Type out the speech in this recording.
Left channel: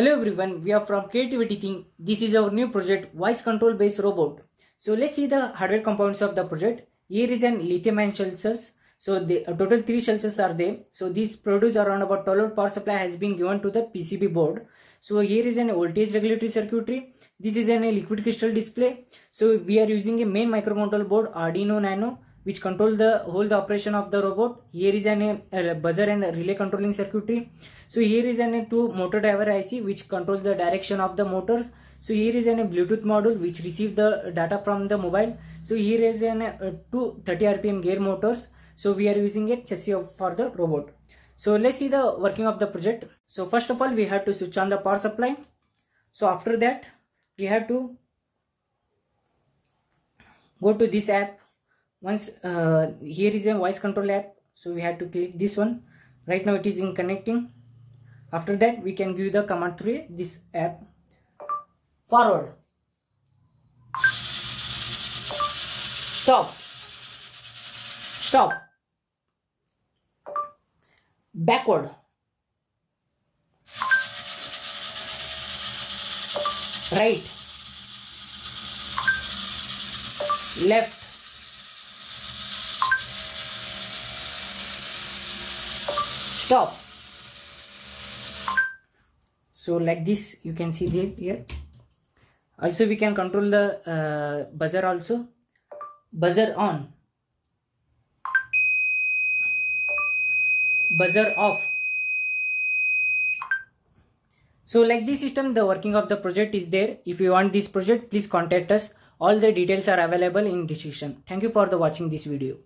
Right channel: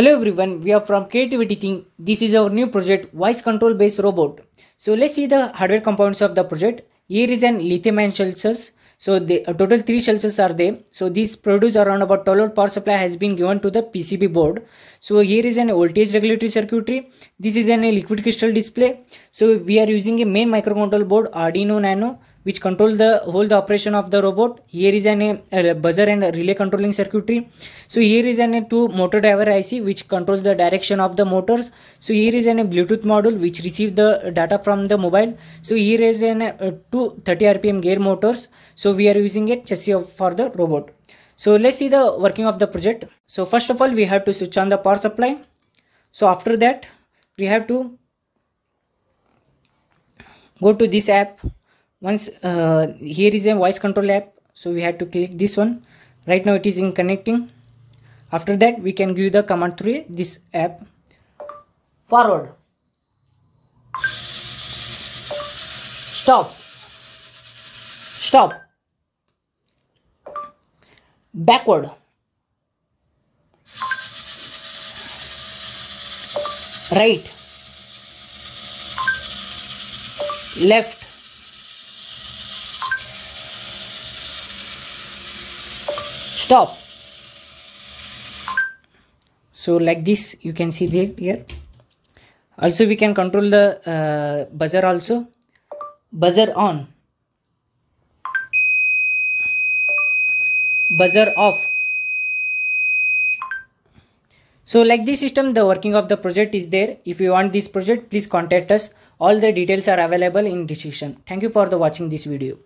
Hello everyone, we are from Creativity Thing. This is our new project, voice control based robot. So let's see the hardware components of the project. Here is an lithium-ion sensors. So the total 3 sensors are there. So these produce around about 12 volt power supply has been given to the PCB board. So here is an voltage regulatory circuitry. This is a liquid crystal display. So we are using a main microcontroller board Arduino Nano, which control the whole operation of the robot. Here is a buzzer and a relay controlling circuitry. So here is a 2 motor driver IC which controls the direction of the motors. So here is a Bluetooth module which receives the data from the mobile. So here is two 30 RPM gear motors. So we are using a chassis for the robot. So let's see the working of the project. So first of all we have to switch on the power supply. So after that we have to go to this app. Once here is a voice control app, so we have to click this one. Right now it is in connecting. After that we can give the command through this app. Forward, stop, stop, backward, right, left, stop. So like this you can see there here. Also we can control the buzzer also. Buzzer on, buzzer off. So like this system the working of the project is there. If you want this project, please contact us. All the details are available in description. Thank you for the watching this video.